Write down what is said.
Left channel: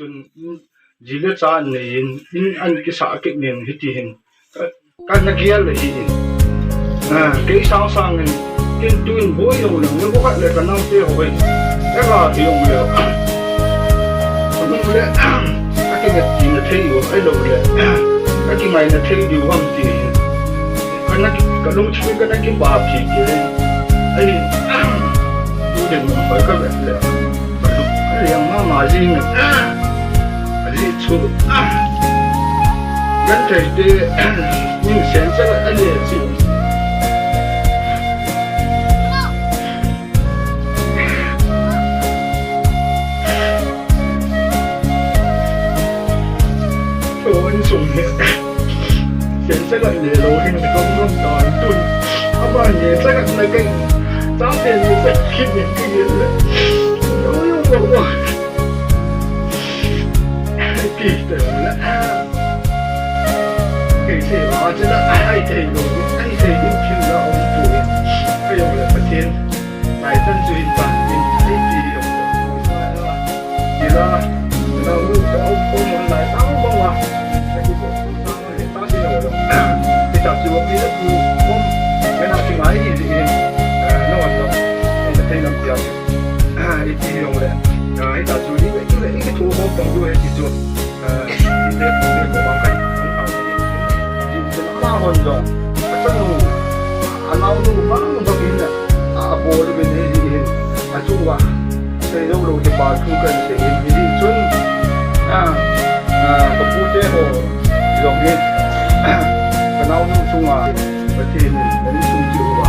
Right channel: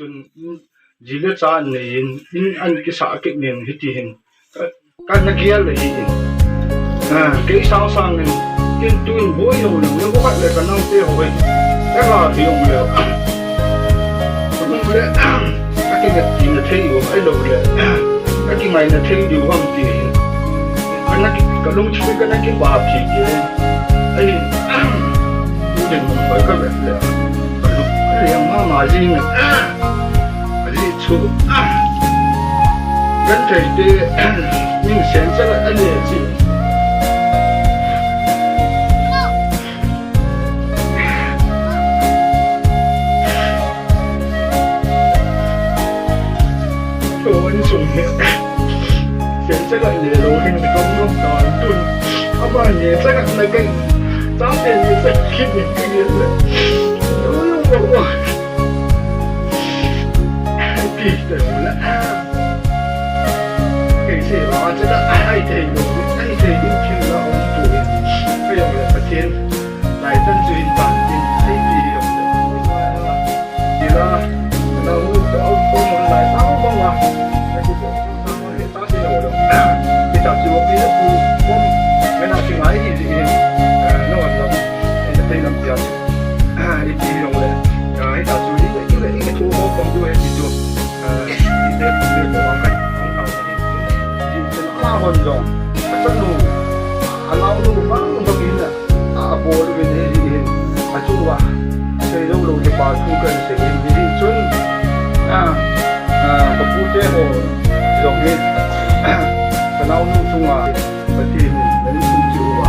จนจีเลจานเนี่ยอินอันกิสาเก็บเนี่ยฮิตที่เห็นการนักเรียนเลยอินเกี่ยสังสังเนี่ยกินตัวอินบ่อยอยู่เนี่ยพวกเขาเลยกันนั่งเตะหัวแต่ก็ที่ยงเลยสมมติเลยก็กินเนี่ยจีนเที่ยวไอ้เราเลยก็กินไม่เนี่ยเที่ยวอยู่ห้องที่กันนักก็ลงชีวิตกันนักกินบาปที่ไอ้ดูเด่นมันไปก็แบบเลยก็ยังมาจริงเนี่ยอันนี้ชูกันใจดียิ่งเสียงสักอันนี้สิโอ้ยสูงเนี่ยเสียงสักอันนี้เราเห็นก็ร่วมตอนตุนเอาบ้านเนี่ยสักอันไหนกันจ้างเป็นสักคิดอย่างนี้เลยโอ้ยโอ้ยปีเต็มแล้วเกี่ยสิว่าจะได้ไอ้เทลูไอ้เทลูคิวแล้วองตัวก็ยังเลยประเทศหลายท่านจุดบ้านเป็นไอ้ปียังเลยว่าดีละเราจะเอาคนมันหลายตั้งบ้างวะไอ้ที่บอกตั้งมาให้ตั้งที่เราลงที่จับจีบปีแล้วคือผมไม่น่าถึงไหนที่เองนอนลงไอ้จะเทน้ำเสียไอ้ปียังเลยไอ้จับจูนี่ไอ้ทั่วผมด้วยที่ตัวที่เด็กผมมากันของเขาเนี่ยที่จะมาคนจงฉันรู้เราดูบ้างบางทีเนี่ยโบลูเป็นที่จู่ว่าเชื่อเราจะบาดทุกข์กันเสียงที่จนกับผู้เจ้าตรงนี้ก็เราดูจู่ว่าประเทศนี้มันสู้จู่ว่า